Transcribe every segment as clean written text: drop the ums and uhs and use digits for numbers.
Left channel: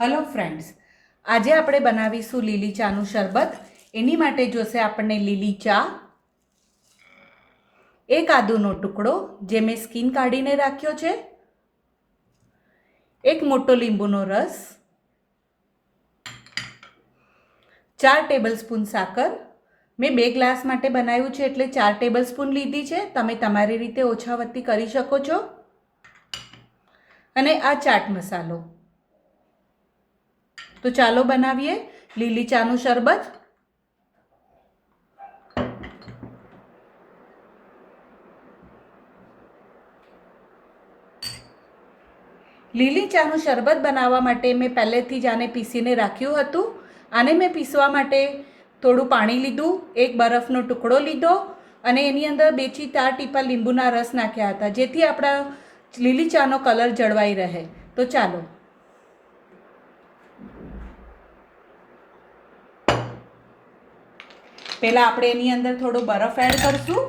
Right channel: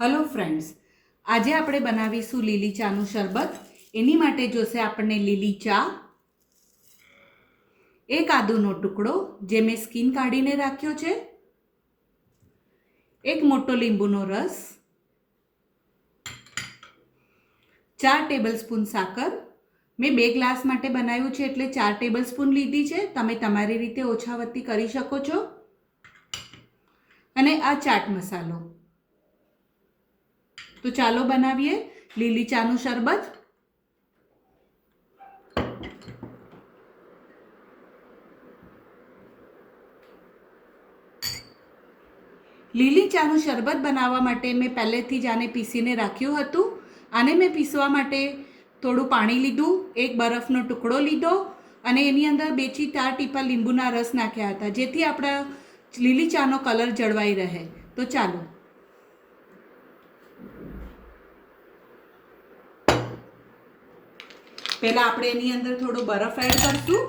Hello friends, आज આપણે બનાવીશું લીલી ચાનું શરબત। એની માટે જોશે આપણને લીલી ચા, એક આદુનો ટુકડો જે મેં સ્કિન કાઢીને રાખ્યો છે, એક મોટો લીંબુનો રસ, 4 ટેબલસ્પૂન સાકર। મેં 2 ગ્લાસ માટે બનાવ્યું છે એટલે 4 ટેબલસ્પૂન લીધી છે। તમે તમારી રીતે ઓછા વત્તી કરી શકો છો। અને આ ચાટ મસાલો। तो चालो बनावीए લીલી ચાનું શરબત। લીલી ચાનું શરબત બનાવવા માટે મેં પહેલેથી જ આને પીસીને રાખ્યું હતું। આને મેં પીસવા માટે થોડું પાણી લીધું, એક બરફનો ટુકડો લીધો અને એની અંદર 2 થી 4 ટીપા લીંબુના રસ નાખ્યા હતા, જેથી આપણા લીલી ચાનો કલર જળવાઈ રહે। તો ચાલો પહેલા આપણે એની અંદર થોડો બરફ એડ કરશું।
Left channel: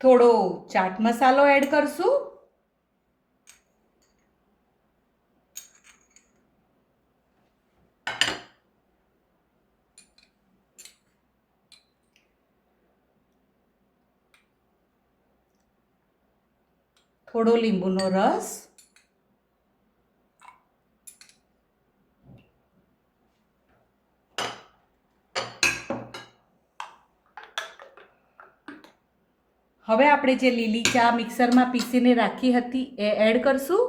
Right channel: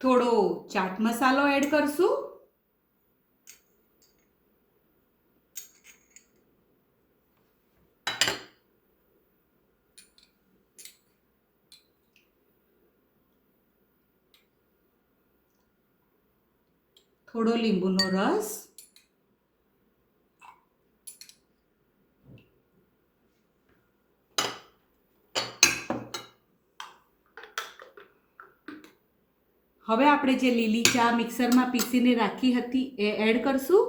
થોડો ચાટ મસાલો એડ કરશું। થોડો લીંબુનો રસ, હવે આપણે જે લીલી ચા મિક્સરમાં પીસીને રાખી હતી એ એડ કરશું।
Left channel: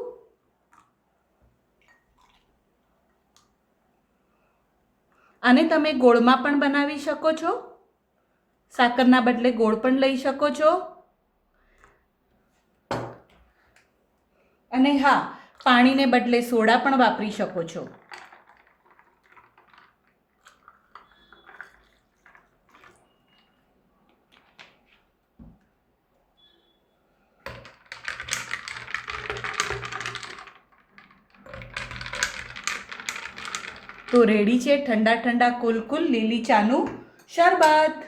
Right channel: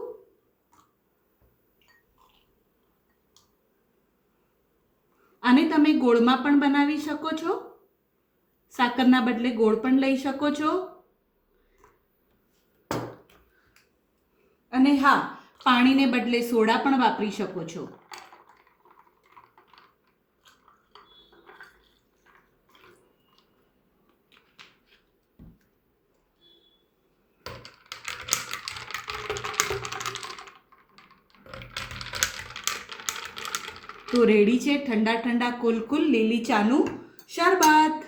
આને તમે ગોળમાં પણ બનાવી શકો છો, સાકરના બદલે ગોળ પણ લઈ શકો છો। અને હા, પાણીને બદલે સોડા પણ વાપરી શકો છો। તો રેડી છે ઠંડા ઠંડા કુલ લીલી ચાનું શરબત।